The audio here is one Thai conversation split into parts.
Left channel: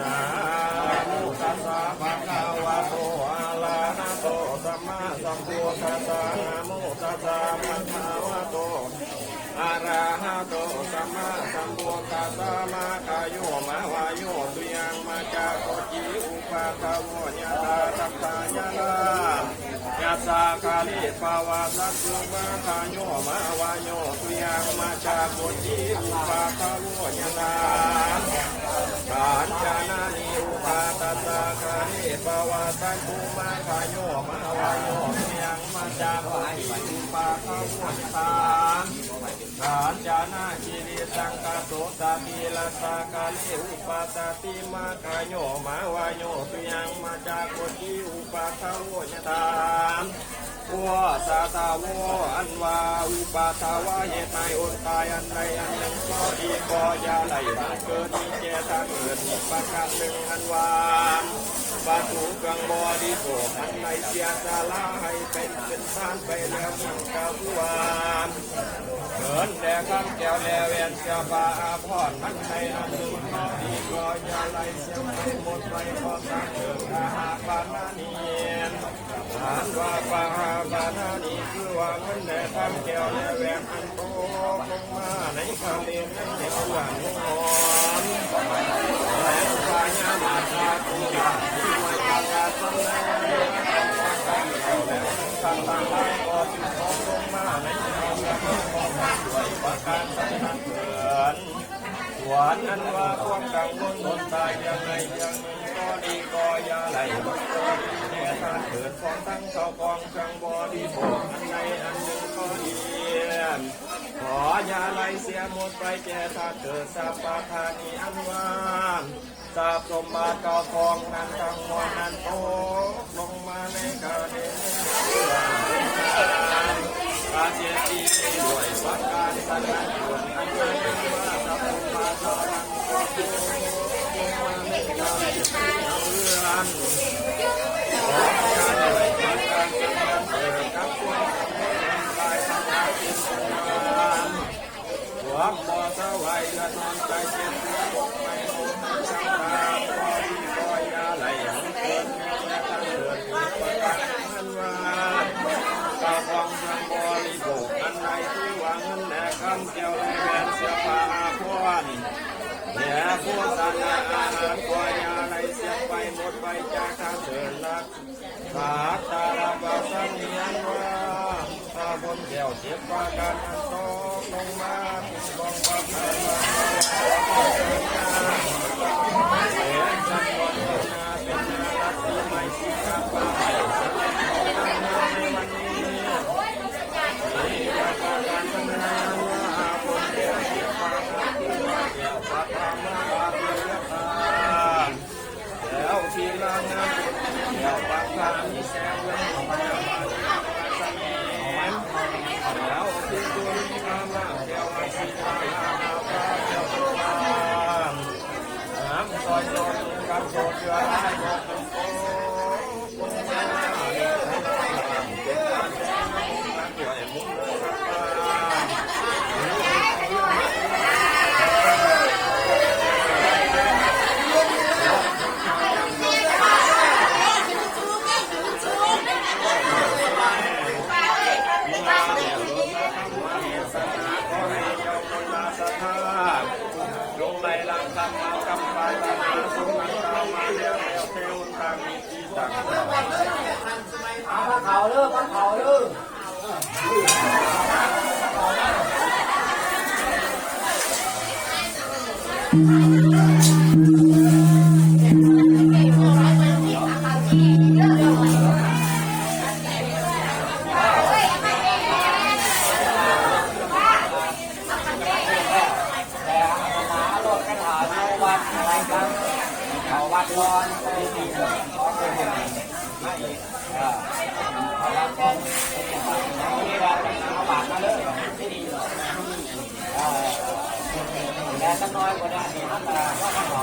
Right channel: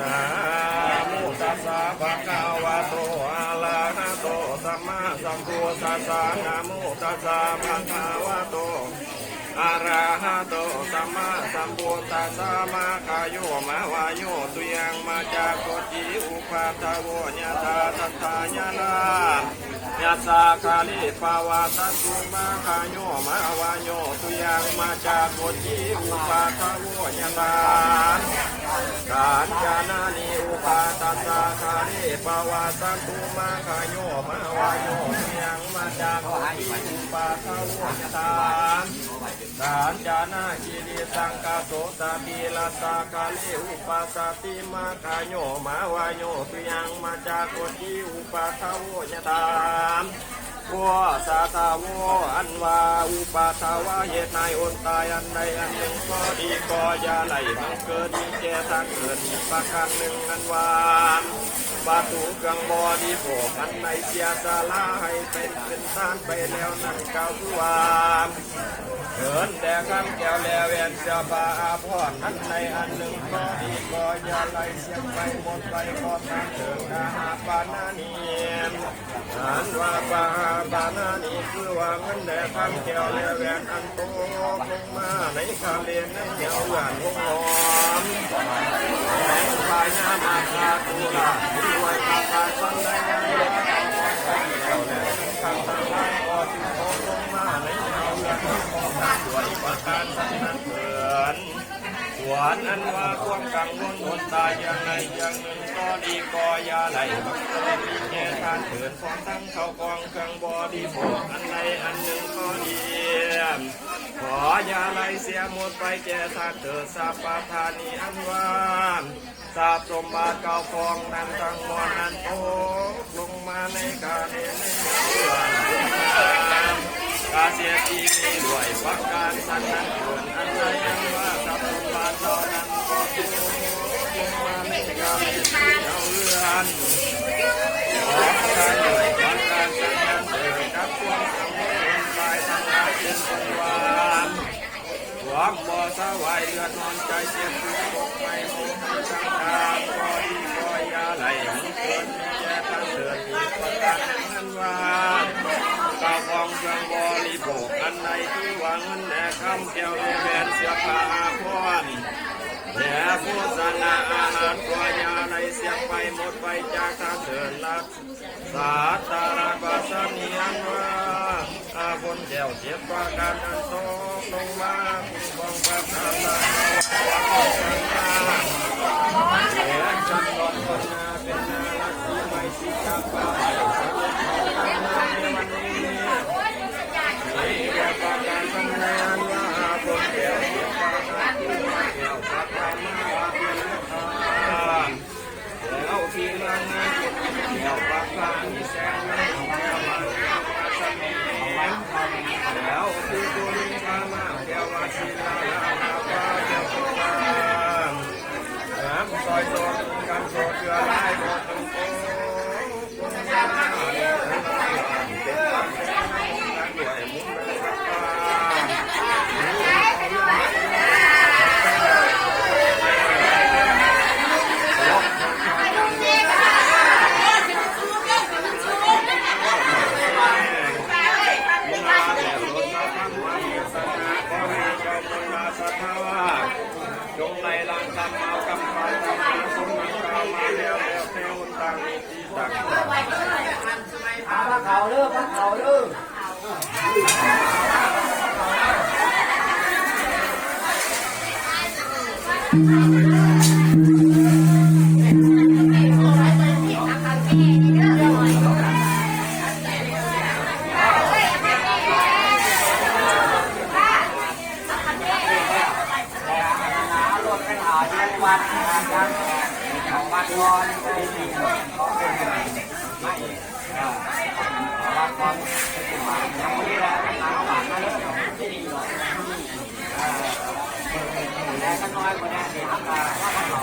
นะโมตัสสะภะคะวะโตอะระหะโตสัมมาสัมพุทธัสสะนะโมตัสสะภะคะวะโตอะระหะโตสัมมาสัมพุทธัสสะมะกะโยมะวะโยตุยังมาจากโกจิอุปาทโวญาตาตัตตายานายัสสะคาลิปาวะตัสสุมะกะโยมะวะโยตุยังมาจากโกจิอุปาทโวญาตาการจานานิอุปาตัสสะคาลิปาวะตัสสุมะกะโยมะวะโยตุยังมาจากโกจิอุปาทโวญาตาการจานาจิริสังกโสตติลัสสะกาลิอุปาสติมากาโยมาวาโยตุยังมาจากโกจิอุปาทโวญตามวัวสาตาวอันวาอุปาทวะเหตุนายอนตายอันใดอันหนึ่งก็ดีก็อย่าไหลมันเกิดมีแก่ทางเกิดมีประการหนึ่งอันวามบาตุกังบอดีโผอันในเสียสาลาให้เป็นท่านไปแล้วนั่งเก่าผู้วามเกินแต่คำแก้วแลเวนเจ้าบาอาพรนั้นในอันหนึ่งก็ดีก็อย่าไหลเสียงไปหมดไปก็ตามเถิดอาหาปานานีอันว่าปาปานานีคือว่าเงินแต่คำแก้วแลเวนอันโตลงมาในคำเรียนในเหนียวหวานหอมแสงไฟงามอาคาตุลาที่ไว้ตาตาสันในทางทางไล่ก็จึงลงมาในเหนียวหวานสวยประการสันนั้นเกินสวนอันว่าความกังวลอดตายอย่างใดอย่างหนึ่งก็ดีก็อย่าไหลมันเกิดมีแก่ทานเกิดของทั้งเข้ากองเครื่องบอดีโผอันใดอันหนึ่งก็ดีขออย่าไหลเสียหมดไปแก่ทานเกิดสัพพะทานีอันว่าทรัพย์สมบัติเก่าฟองนั้นทั้งหมดนั้นตกลงมาในกาเนในกาเสียทีด้วยประการสันติส่วนอันใดอันว่ากับสมบัติตอนนั้นก็ตกลงมาในกาเนเอาเรื่องของการด้วยประการสันติเกิดกับความสำเร็จไปทางการเป็นสมบัติความบ่สวายเดือดนอนใจเจ็บปวดไม่โอ้ทางการก็ดีก็อย่าไหลมันเกิดมีแก่ทางเกิดมีประการนั้นว่าเก่าของเครื่องบริโภคอันใดที่หวังเงินแด่คำแก้วและแหวนเสื้อผ้าอาภรณ์และโฆษณาอาหารก็อย่าไหลเสียไปหมดไปจากทางเดินลักสาตาระปัสนีอันว่าอาบนแก้วเจ็บประการอันโตลงมาคุณกองปัสสาวะเสียจันทร์ก่อนต้นนาเป็นนาลักที่ไม่สิกับปลาไหลสะเด็ดของทางนาในวันนี้นี่แก่ประการนั้นนาว่าอาบนแก้วเจ็บประการคือแก้วปัสสาวะเพียงตาแล้วทีละงานแก้วปัสสาวะมีแสงเงินของแก้วมาสันนิแล้วคือตัวนี้มาแก้วมาสีดาแก้วปัสสาวะน้ำซอยโตกำโซเกลือให้โตโตคนยาด้วยมุ้งจงไล่ล้างกรรมเอากรรมมาตามมาสมนังกามาเลี้ยวแล้วเทวต่างมีที่ต่างเขาเลิกเขาเลิกวัดก่อนไม่เป็นไรไม่วัดก่อนนี่แหละทางบาทมาเลยที่ดีเลยแต่ก็น้อยกว่านี้ดีมากว่าเขา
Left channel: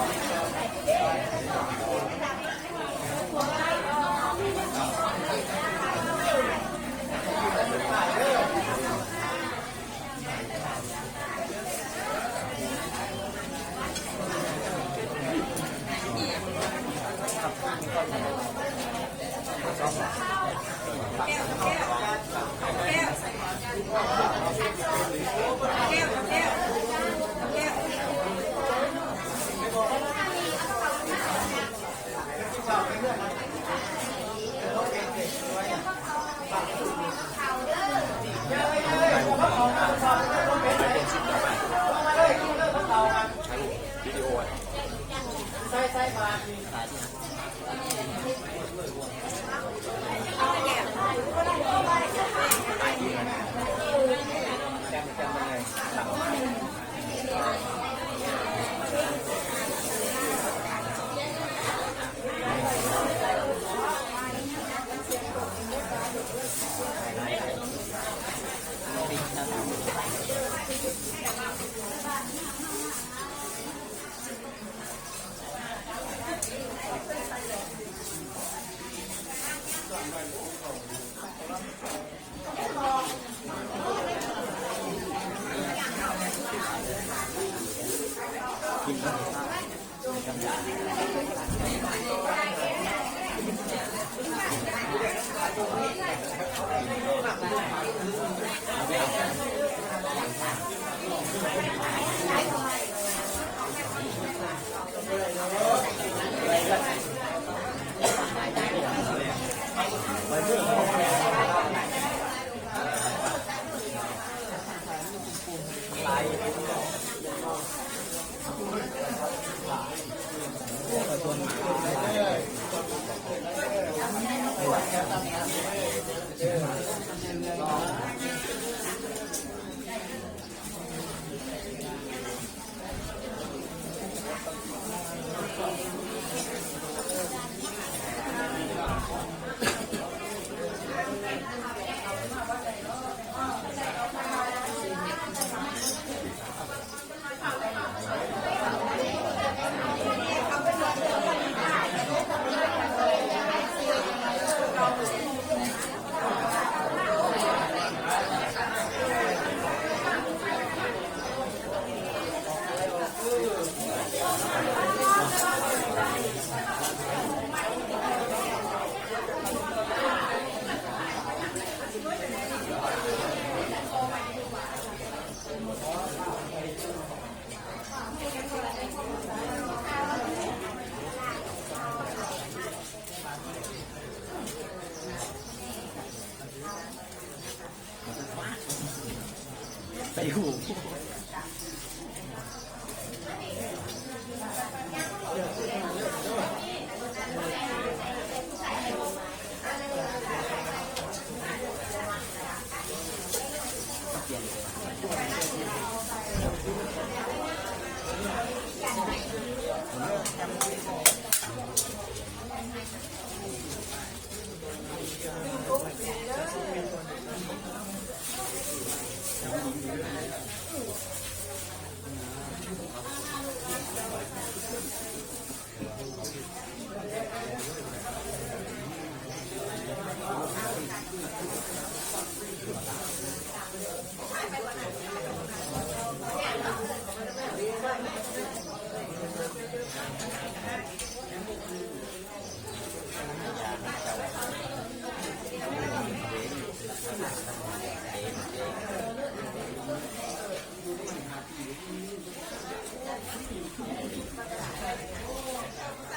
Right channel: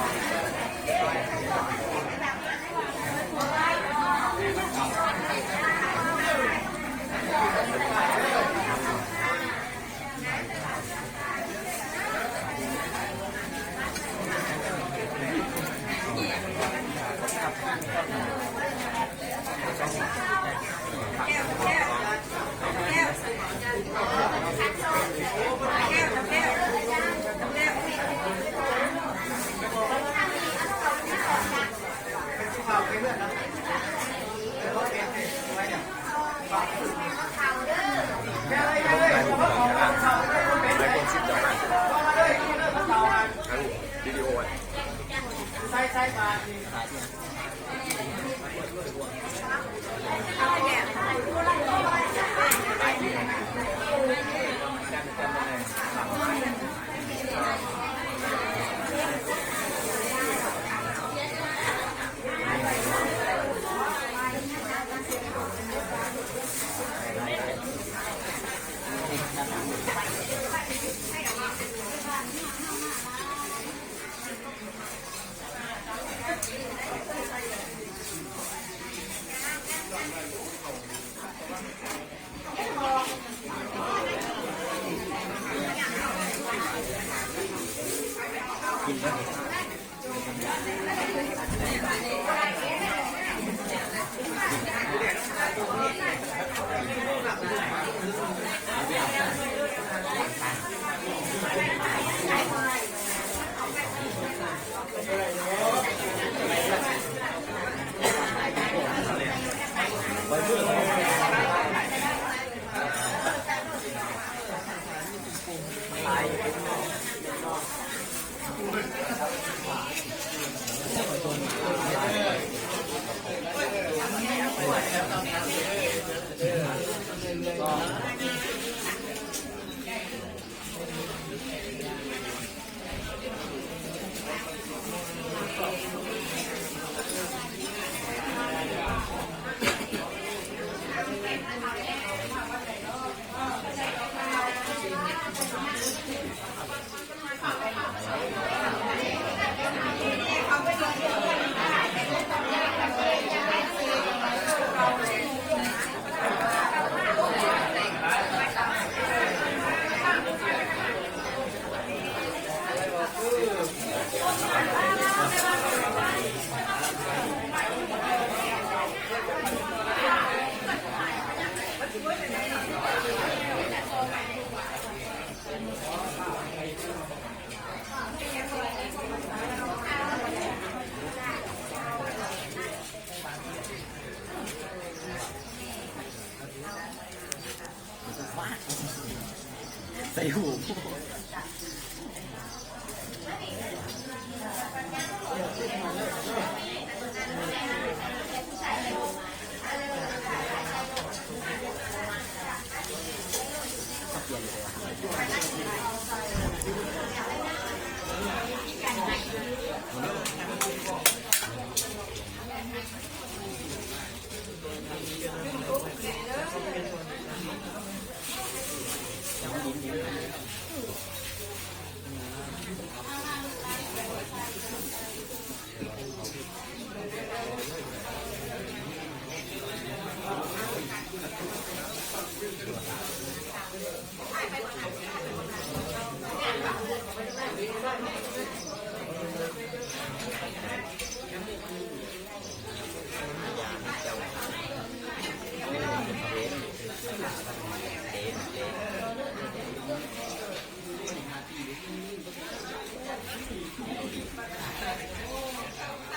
ใส่หู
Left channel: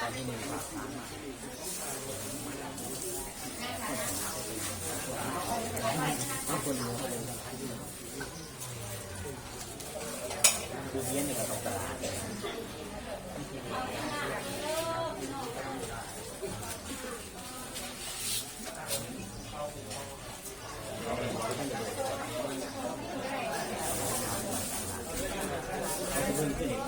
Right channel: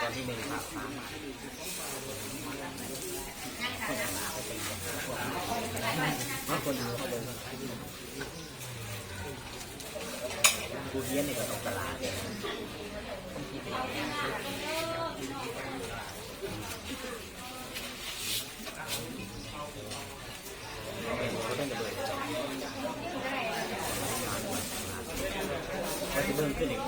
ตอนที่1ผ่าผ่านมาคนดูเขาเลยดูเยี่ยนในกับตลาดเลยเพิ่มขึ้นอีก